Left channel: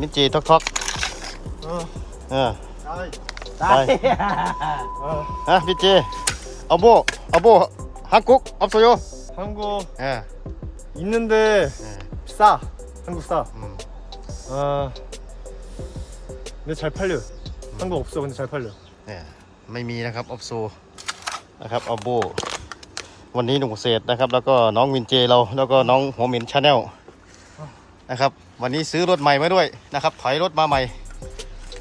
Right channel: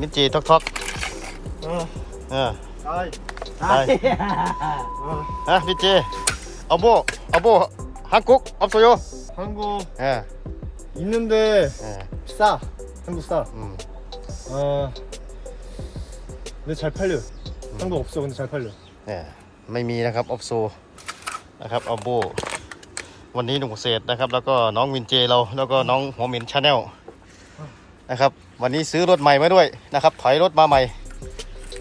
มินจีท็อกท็อก 어, เออ 나이. 나이. 어, ฮะพี่เจเอาโบเอาโบฮังกุกอัพโซโย 한국 เออ 있는데 เออ 싸. 한국 싸. อืม 아, 근데 잘 팔려. 한국 없어, 근데 잘 팔려. เออไม่มีนะครับออฟโซนะครับเอาโบวันนี้หนุ่มเกษตรนะครับ แล้วก็น้องวินเจเราแล้วก็น้องหัวเหม็นชาแนล นะครับ วันนี้ซื้อรถใหม่มาด้วยนะครับถอยรถมาใหม่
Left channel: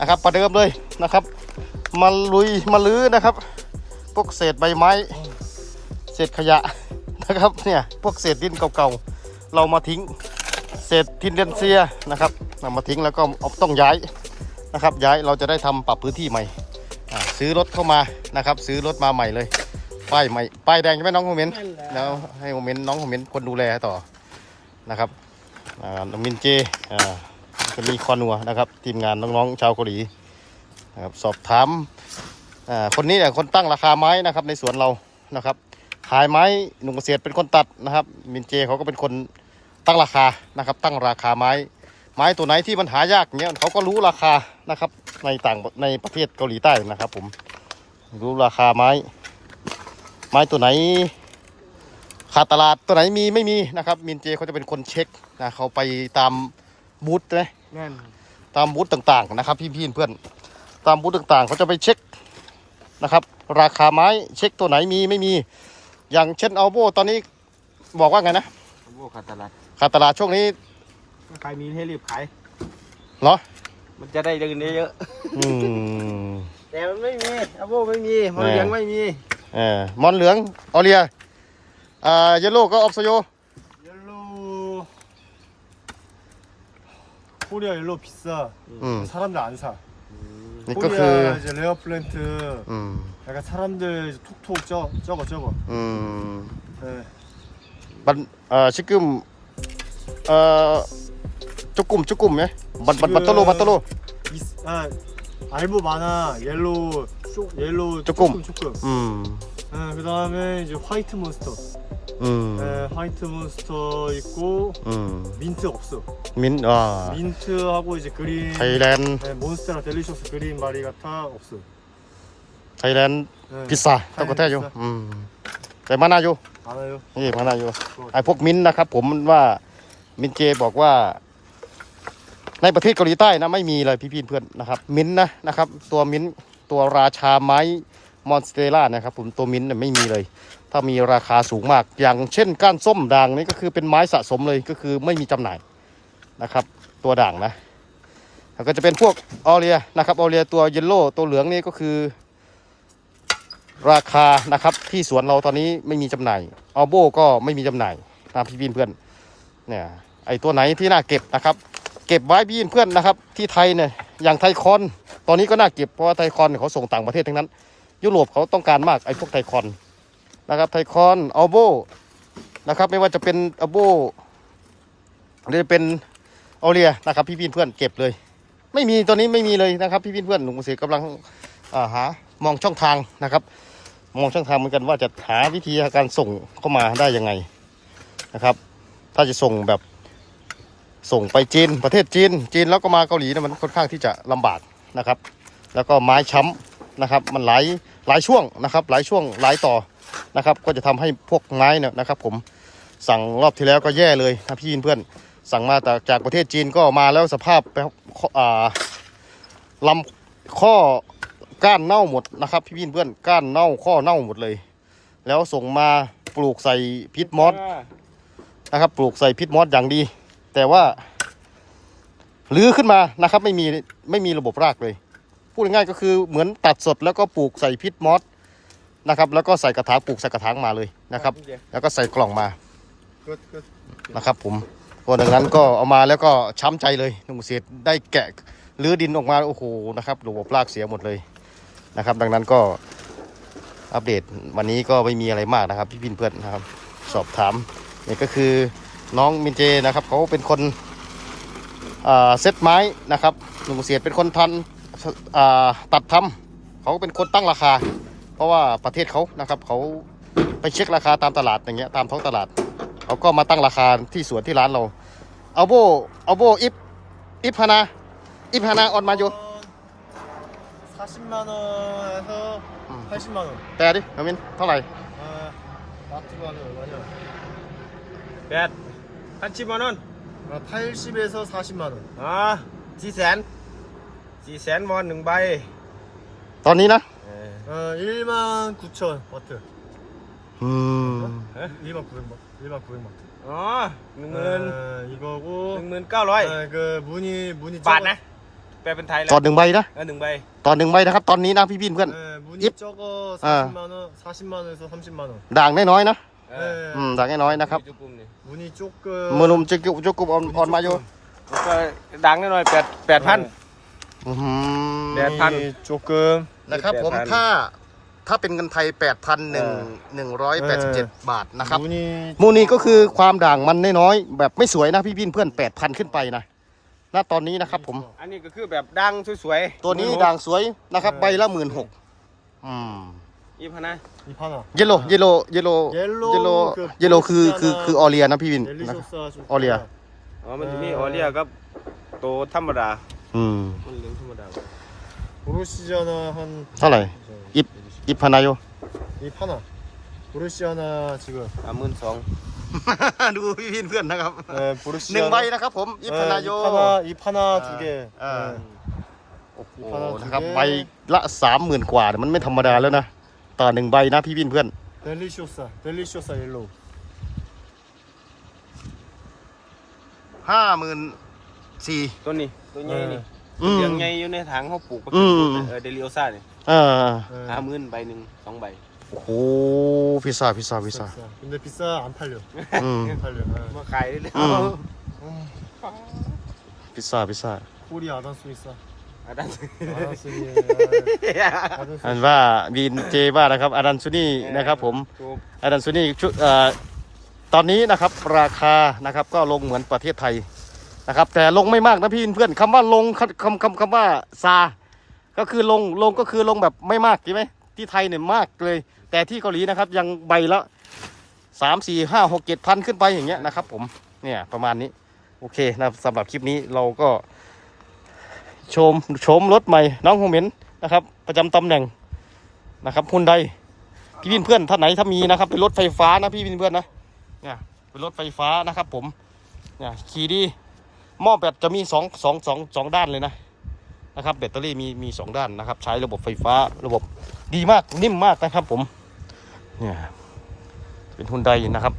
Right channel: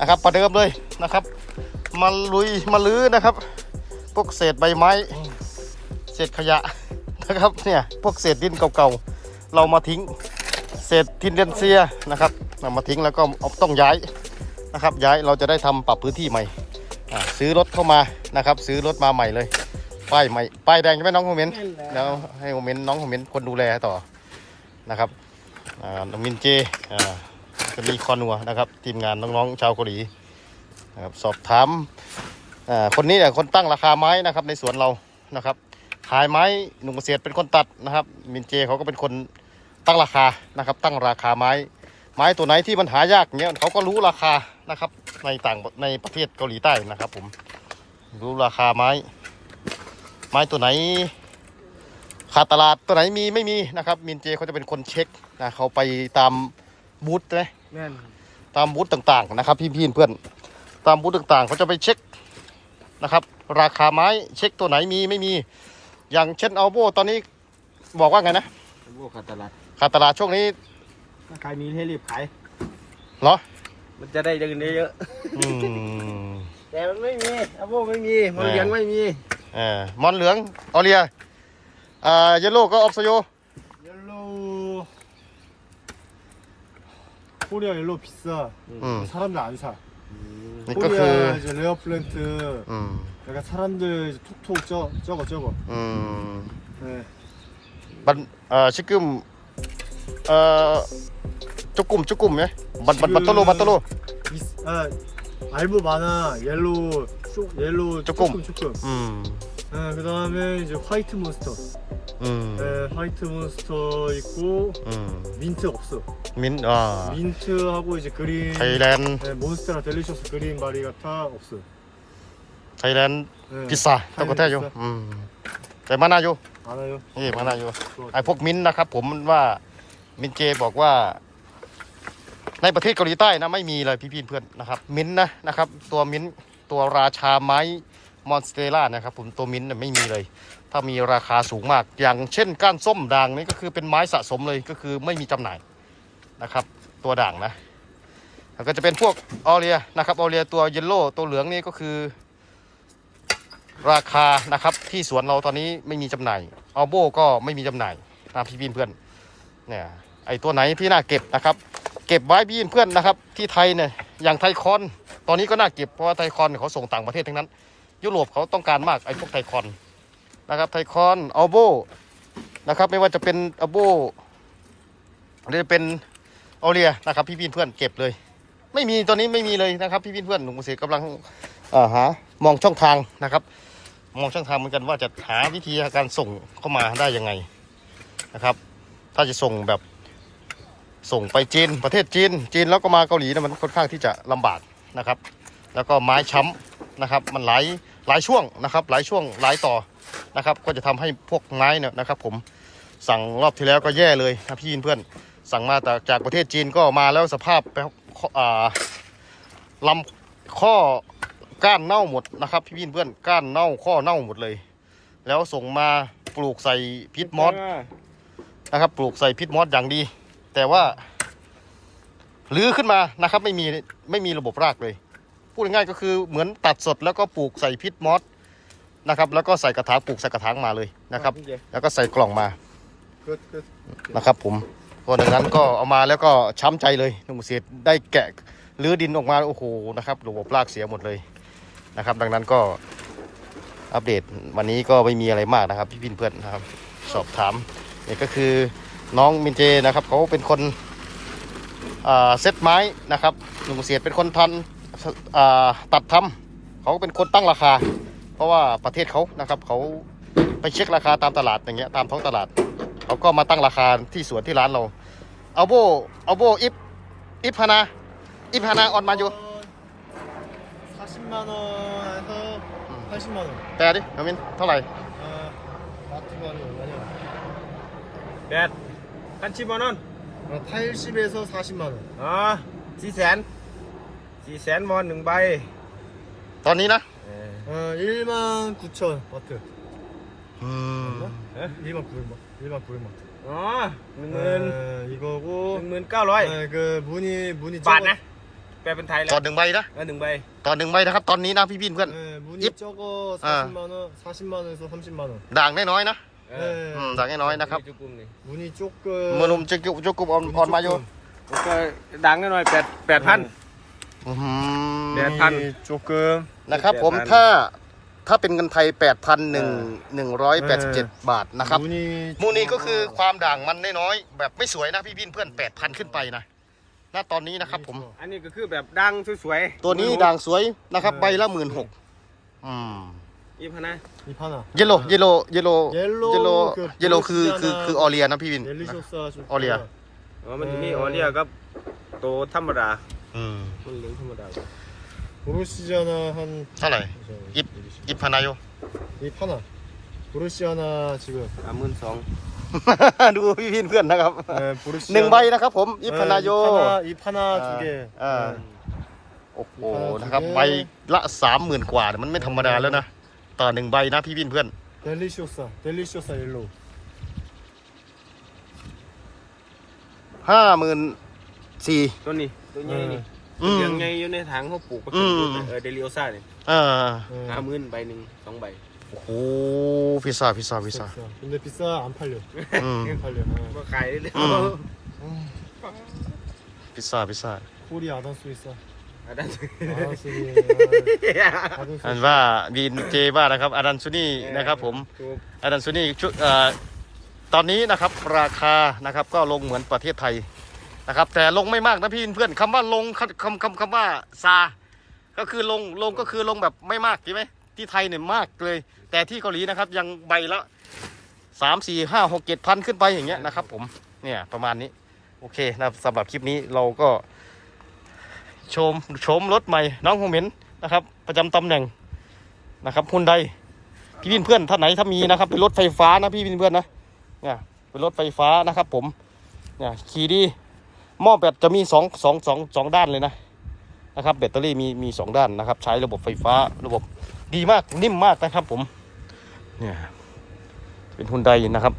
นะครับประเดิมเลยนะครับ มาลุยมาลื้อนะครับ พวกเศษใบไม้ เศษขยะนะครับเนี่ยพวกเศษดินเก่าๆเรามาทิ้งเศษทินเดนเซียนะครับนำมาทิ้งแล้วก็เอาต้องย้ายนะครับ ย้ายเราจะได้ทำปรับพื้นที่ใหม่อ่าซื้อรถเข้ามานะครับ ซื้อรถมาใหม่เลยป้ายใหม่ป้ายแดงใช่ไหมน้องโมเมนต์แล้วให้โมเมนต์น้องโมเมนต์คนดูแลต่อนะครับอ่า น้องมินเจอ่าจะมีคอนัวนะครับ ทีมงานน้องๆชาวเกาหลีนะครับสอบถามอ่าคนนี้แหละคนตั้งราคาไม้นะครับ ในสวนเรานะครับ ขายไม้หนุ่มเกษตรเป็นคนตัดนะครับ มินเจเขาก็เป็นคนตั้งราคานะครับ ตั้งราคาไม้ ไม้ตัวไหนที่มันหายากเนี้ยเขาก็รู้ราคานะครับในต่างในประเทศเกาหลีใต้นะครับ ผมรู้ราคาไม้ ไม้ตัวไหนขาดตลาดตัวไหนมีไม่มีนะครับมินเจเขาจะเป็นคนเช็ค นะเขาไปตามบูธเลยน่ตามบูธต่างๆนะครับ พี่ๆเพื่อนตามบูธต่างๆ เขาจะไปเช็คนะครับ ราคาไม้เช็คตัวไหนมีไม่มี อย่างเช่นอัลโบตอนนี้บอกว่าไงนะพวกขาดตลาดขาดตลาดช่วงนี้ถ้าใครมีให้รีบขายเหรอมันจะได้เงินเยอะๆแต่มันไม่มีอาโบไม่มีมอนเหลืองไม่มี เออมอนเหลืองออเรียอ่าเยลโล่ก็ออฟโซโย 코리아 옐로 비싸. 음. 사람들 안 사. 그러니까 그 이제 레어 플랜트 음. 약간 사람들 톡톡 쪄 저거 쩌거. 음. 네. 아, 지금 아, 조금 조금 예. 맞 맞맞로 맞달로. 아 알보 많아 옐로 쪽 옐로 조금. 조금 조금. 음. 네, 그 다음에 이제 화이트 몬스터. อืม 네, 화이트 몬스터 있고 อืม 민트 없어 มินอ่า 민트하고 이제 그린 ไทยแลนด์ 네, 몬스테라 델리셔스 그린 마리가타 없어 ไทยแลนด์ 네, พิซซ่าต้องกระแทกอยู่อืมแต่มานาอยู่ 많아요 นี่มานาอยู่ 그거 ไอ้พวกมิ้นท์นะครับ ผมว่ามินเจบอกว่า ในประเทศเกาหลีใต้นะไม่มีเลยพี่ๆเพื่อนนะครับ มิ้นท์นะนะครับ ตัวมิ้นท์ตัวราชาไม้ มอนสเตล่านะครับผมตัวมิ้นท์เนี่ยไม่มีเลย ถ้ามีราคาสูงมาก อย่างเช่นก้านส้มด่างนี่ก็คือเป็นไม้สะสมเลยก็คือไม่มีจำหน่ายนะครับ ตัวด่างนะแล้วก็จะเป็นพวกออเรียนะครับออเรียตัวเยลโล่ตัวเหลืองนี่ก็คือ ราคานะครับที่สวนเราตอนนี้ไม่มีจำหน่ายอัลโบก็ไม่มีจำหน่ายนะพี่พี่เพื่อนเนี่ยไอตัวไหนที่น่าเก็บนะครับ เก็บไว้พี่เพื่อนนะครับ ที่ไทยเนี่ยอย่างไทคอน ตอนนี้ก็น่าเก็บเพราะว่าไทคอนเขาส่งต่างประเทศทั้งนั้น ยุโรปเขาต้องการมากไอพวกไทคอนนะครับไทคอนอัลโบนะครับไม่ว่าจะเป็นอัลโบหรือเป็นออเรียนะครับ พี่พี่เพื่อนเก็บเลย ไม่มีตอนนี้ไม่มีเลยนะครับ พี่พี่เพื่อนหนุ่มเกษตรกำลังาหามองช่องทางนะครับ มองช่องทางเหมือนกันว่าจะหาวิธีการส่งเข้ามาได้ยังไงนะครับ ถ้าจะส่งแบบส่งไปจีนประเทศจีน จีนแล้วก็มาเกาหลีเนะมันค่อนข้างที่จะลำบากนะครับ แล้วก็ไม้ช้ำนะครับ มันไหล หลายช่วงนะครับ หลายช่วงหลายต่อนะครับ ก็จะทำให้พวกไม้เนี่ยนะครับ ผมสั่งรอบที่แล้วก็แย่เลยนะพี่เพื่อนสั่งมาแต่จากประเทศจีนก็มาแล้วสภาพอ่าลำข้อก้านเน่าหมดนะครับพี่เพื่อนก้านเน่าข้อเน่าหมดเลย แล้วส่งมาปลูกใส่พิษมอสนะครับปลูกใส่พิษมอสอย่างดี แต่ว่าลื้อขึ้นมานะครับ ไม่มีไม่มีระบบรากเลยูดง่ายก็คือเหมือนตัดสดแล้วก็ปลูกใส่พิษมอสนะครับ แล้วก็ใส่กระถางปลูกใส่กระถางมาเลยนะครับ แล้วก็ใส่กล่องมา Good, good. นะครับผมเพราะดังนั้นก็เอามาแล้วก็ช้ำใจเลยนุ่มเสียได้แกะรื้อดินออกมาโอ้โหนะครับระบบรากเสียหมดเลยนะครับ ดังนั้นก็อัปเดตวันนี้ก็ไม่มีอะไรมากนะครับ พี่พินเพื่อนนะครับ สอบถามเนี่ยก็คือน้องมินเจนะครับเขาเป็นคนเซตไม้นะครับหนุ่มเสียเป็นคนทัน ตัดทำเขาเป็นคนตั้งราคา เพราะว่าประเทศเขานะครับเขาไปเช็คราคาตามตลาดอย่างเงี้ยตามท้องตลาดเขาก็มาตั้งราคาที่สวนที่ร้านเราเอาโบเอาโบอิฟอิฟพานา อีพานาออนมาอยู่ 40만 원에서 80만 원. แต่ดิน้องมินเท่าไหร่ 아, 마트만이 얼마냐?แปดพันสิบมานน 아, 80에서 40만 원. อ๋อสี่แ สนสี่แสนมอนหนึ่งใบ ตอนนี้นะ 어, 1만 9천 마트. อืม 1만 900만. 1만 900만. อ๋อหนึ่งหมื่น 아, 이거고 หนึ่งหมื่นเก้าร้อย 아, 그 무늬 무늬 บาท 적어 นะ แปลเป็นไทยแล้ ตอ วน หนึ่งใบนะ เออหนึ่งใบ ตอนหนึ่งใบนะครับ ตอนนี้นะพี่พี่เพื่อน 네, 무늬 입. 적어 아. 40만 원, 40만 원에서 30만 원. ด่างน้อยๆนะ เออ 네. อืมด่างน้อยๆนะครับ จุกุมนี่ 무늬 조금 มือนุ่มจุกจุกจุกกุบออน 무늬 ออนมาอยู่ 조금. แล้วก็ดังหน่อยแปดแปดพัน อื้อหือ แดด พัน 무늬 조금 นะครับผม 8,000 ถ้าถ้าเป็นเงินไทย 8,000หนึ่งหนึ่งร้อยแปดสิบเจ็ดบาทนะครับ 무늬 มูนี่ก็คือความด่างมันน้อยๆแบบไม่สวยนะพี่พี่เพื่อน8,000 ขึ้นไปนะณตอนนี้นะครับผม อันนี้ก็คือแบบดังสวยๆ ตัวนี้ด่างสวยนะครับ ใบละหมื่นหกอืม อีพานะ 이 하나. เยลโลเยลโลเยลโล Yellow เยลโล คือ เยลโลคือคือคือออเรียนะพี่วินนะ 델리쇼스 좀 어리야. 크다. อ๋อมันจะมี เออ ออเรียกับโตวธรรมดา อืม มันเลี้ยงธรรมดา 보르시아나 한 เท่าไหร่ 입อิพานาโย 이 하나. 보르시아나 지금 สามหมื่นสอง ดูพี่พี่เพื่อนนะครับ 네, 보르시아나 หนึ่งใบนะครับผมอิพานาโย 이 하나 두 개. 아. 네. โอ้โห อีพานาโย นะครับใบละสามหมื่นกว่าเนี่ยมันไม่ธรรมดาแล้วนะต่อหนึ่งใบนะพี่พี่เพื่อน 델리쇼사. 델리쇼사 옐로우. ห้าหมื่นสี่ ตัวนี้ ตัวใหญ่นี่ อืม เลี้ยงใหญ่อยู่ในถังเขาปลูก อืม เออเดลิโอซ่าเนี่ย อ่า ห้า 네. หมื่นใบหนึ่งสองใบ โอ้โหพิซซ่าพิซซ่าพิซซ่า 비싸. 근데 비싸 안 팔려. อืม 안 팔려. 아. มาขายได้เลย อืม พิซซ่าพิซซ่า 꼬리 아단수 있어. อาดัน 아단수. 아단수. อันว่าดีนเจว่านะครับอาดันซูนี่นะครับผม ถูก อาดันซูนี่ชุดเอ่อตอนนี้นะครับราคานะครับก็ลงเหมือนประเทศไทย นะครับ แต่ลงไม่มากนะพี่เพื่อนคำว่าลงคำคำคำว่าซา ก็คือลงลงก็คือลงแบบไม่มากใช่ไหมที่ไทยเนี่ยมากเลย แต่ที่เกาหลีนะครับ ยังใบละสามสี่ห้าหกเจ็ดพันขึ้นไปอย่างเงี้ยนะครับ ผมเนี่ยประมาณนี้โอเคนะครับสำหรับคลิปนี้เราก็ ชมชมรถใหม่น้องโฮเมนนะครับ ประจำตำแหน่งนะครับฮุนไดพี่วินเพื่อนท่านไหนถ้ามีนะครับ เป็นรถไฟฟ้านะพี่วินเพื่อนนะเนี่ยเป็นรถไฟฟ้านะครับ ผมเนี่ยขี่ดี หม้อแบตจะมีสองสองสองสองด้านเลยนะนะครับแบตเตอรี่มีมีสองด้านนะครับ ใช้ระบบไฟฟ้าระบบดีมากนิ่มมากนะครับผมเนี่ยเป็นฮุนไดนะครับ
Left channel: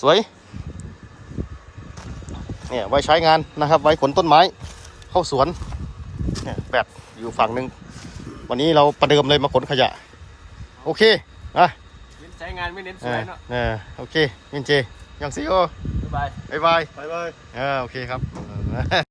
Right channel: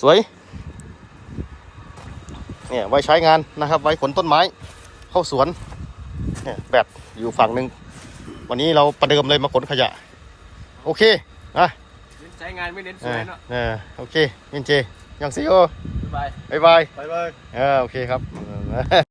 สวยเนี่ยไว้ใช้งานนะครับ ไว้ขนต้นไม้เข้าสวนเนี่ยแบตอยู่ฝั่งหนึ่งวันนี้เราประเดิมเลยมาขนขยะ โอเคอะเน้นใช้งานไม่เน้นสอ่าวยเนาะอ่าโอเคยินเจยังซีโอบ๊ายบายบายบายโอเคครับ